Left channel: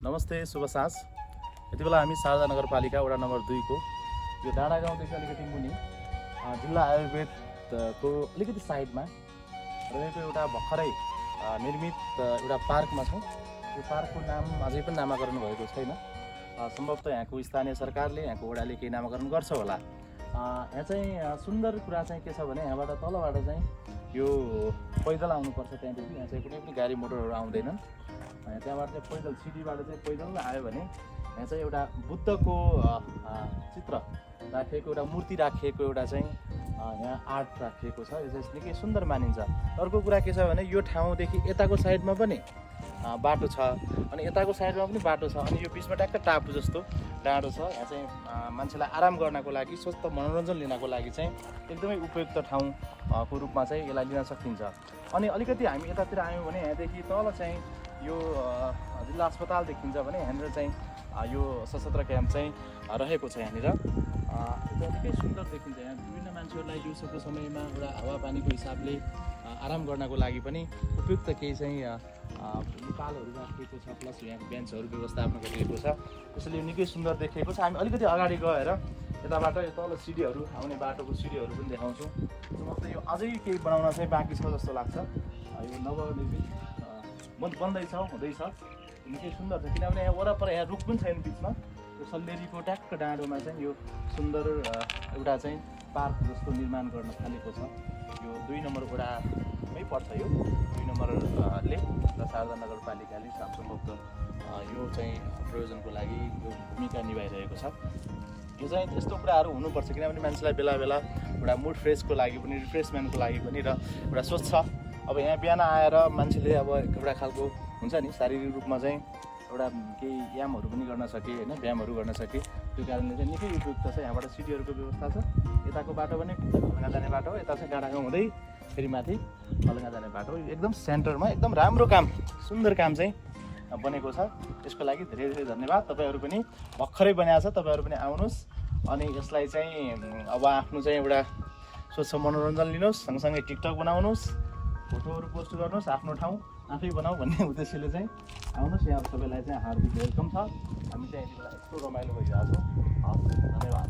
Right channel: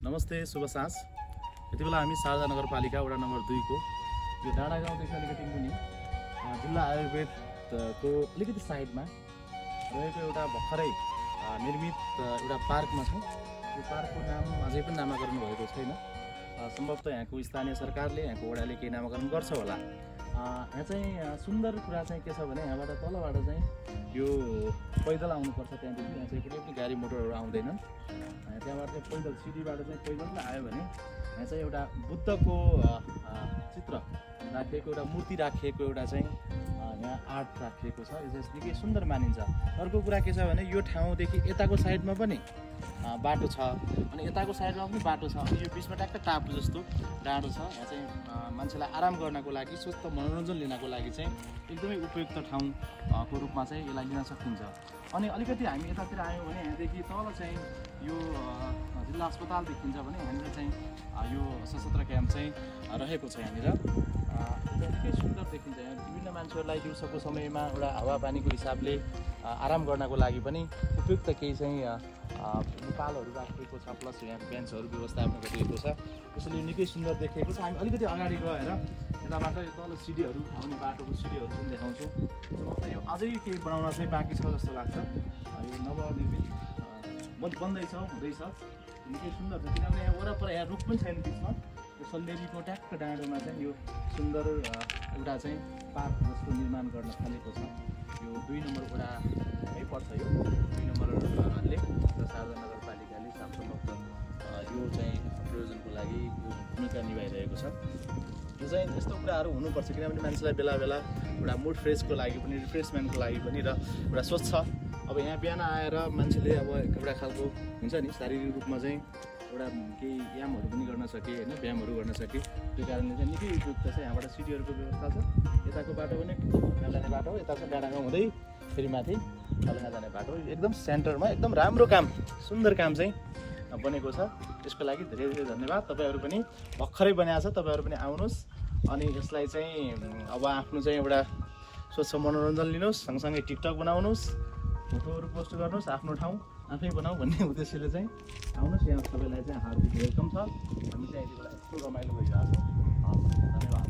नमस्ते, शुभ साँझ। यति बेला हामी शारदा नगरपालिका वडा नम्बर 2 को यो डाँडा गाउँदेखि अलिकति मुनि जिल्ला आयुर्वेदको अलिकति साइडमा रहेको एउटा भर्खरै निर्मित एउटा पार्कमा छौँ। यो पार्कको नाम अझै पनि नामाकरण भएको छैन। सम्भवतः यहाँको स्थानीय सरकारले, यहाँको वडाले केही नामाकरण गर्छ होला। यहाँ चाहिँ सुन्दर कुरा चाहिँ के छ भने यहाँबाट तलबाट चाहिँ यो पैदल आउनुपर्छ। त्यहाँदेखि यहाँ चाहिँ कुनै पनि गाडी मोटरहरू आउँदैनन्। त्यहाँबाट चाहिँ पैदल सिडीबाट चाहिँ पैदल आयो भने यहाँ चाहिँ एउटा बुद्धको चित्र राखिएको, एउटा मूर्ति राखिएको एउटा चाहिँ यहाँ आर्ट राखिएको छ। यो चाहिँ निकै सुन्दर मानिन्छ। अर्को कुरा के छ भने यो ठाउँदेखि यताको साइडमा पनि बाटो छ, अनि यताको साइडमा पनि बाटो छ, अनि यो बिचमा ट्याक्क टापु जस्तो डाँडो छ। यहाँ चाहिँ मान्छेलाई आराम गर्नको लागि, स्वस्थ मनोरञ्जन लिनको लागि चाहिँ एकदमै उपयुक्त ठाउँको रूपमा चाहिँ यसलाई लिन सकिन्छ। अनि अलिकति हामी यतातिर आयौँ भने यहाँदेखि तल चाहिँ यो जिल्ला अस्पताल देखिन्छ भने यहाँनिर चाहिँ यो सशस्त्र क्याम्प चाहिँ रहेको छ। यहाँनिर निकै सुन्दर देखिन्छ। यहाँ विभिन्न मान्छेहरूलाई दिउँसोको समयमा एउटा हावापानीको हिसाबले आराम गर्नको लागि पनि उपयुक्त केही चाहिँ नेपालहरू राखिएको छ, प्लस यहाँ बेन्चहरू व्यवस्थापन गरिएको छ। त्यसैले निकै सुन्दर देखिएको छ। हामी अलिकति अगाडि गएर यताबाट यो तल सिडीहरू आउने बाटोको सिडीहरू पनि देखाउँछौँ। मतलब यो अझै केही बनाउन चाहिँ बाँकी छ जस्तो लाग्छ। यो नवनिर्मित बन्दैछ, हुँदैछ। निकै सुन्दर छ, किनभने यहाँ वरपर यहाँ रुख पनि छैन बिचमा। यो सल्लेरीको ट्याक्क डाँडोमा चाहिँ यो सुन्दर एउटा चाहिँ पार्क जस्तो निर्माण गर्न थालेको छ। यो 2 नम्बर वडामै पर्छ। यो 2 नम्बरले र शारदा नगरपालिकाले सामसम्भवत यो चाहिँ प्रयोजनको लागि यो भूमिका निभाइरहेको छ। यो चाहिँ यस्तो कुराहरू हुनुपर्छ, किनभने मान्छेलाई बेला बेला एउटा मुड फ्रेसको लागि पनि, रिफ्रेसमेन्टको लागि पनि र एउटा सोच्छ। अब यहाँ बिहान आएर मान्छेले अब एउटा खालको हुन्छ नि, शारीरिक रूपमा चाहिँ एउटा केही यामहरू पनि गर्न सके, होइन, व्यायामहरू गर्न सके। त्यो कारणले चाहिँ निकै उपयुक्त छ। यहाँबाट सिडीहरूको व्यवस्था छ। यताको बाटो पनि खलङ्गा जाने बाटो हो, यता चाहिँ डाँडागाउँ हुँदै फेरि माथि खलङ्गा जाने बाटो। एकदम सेन्टरमा एकदम राम्रो काम, सुन्दर काम चाहिँ बनेको छ। त्यसको लागि धेरै धेरै धन्यवाद। तपाईँहरू पनि भर्खरै बनाएको छ, तपाईँहरू पनि आउनुहोस् अनि यसलाई चाहिँ अब आफ्नो चाहिँ एउटा स्वच्छ मनोरञ्जन लिनुहोस्, सँगसँगै टिकटक बनाउनुहोस्, फोटोहरू पोस्ट गर्नुहोस्, आफ्नो ठाउँ आफै बनाऊ भन्ने उद्देश्यले चाहिँ आउनुहोस्। यहाँ सबैलाई चाहिँ हार्दिक वेलकम छ। हामी चाहिँ यति बेला यस्तो रमाइलो भइरहेको छौँ। धन्यवाद।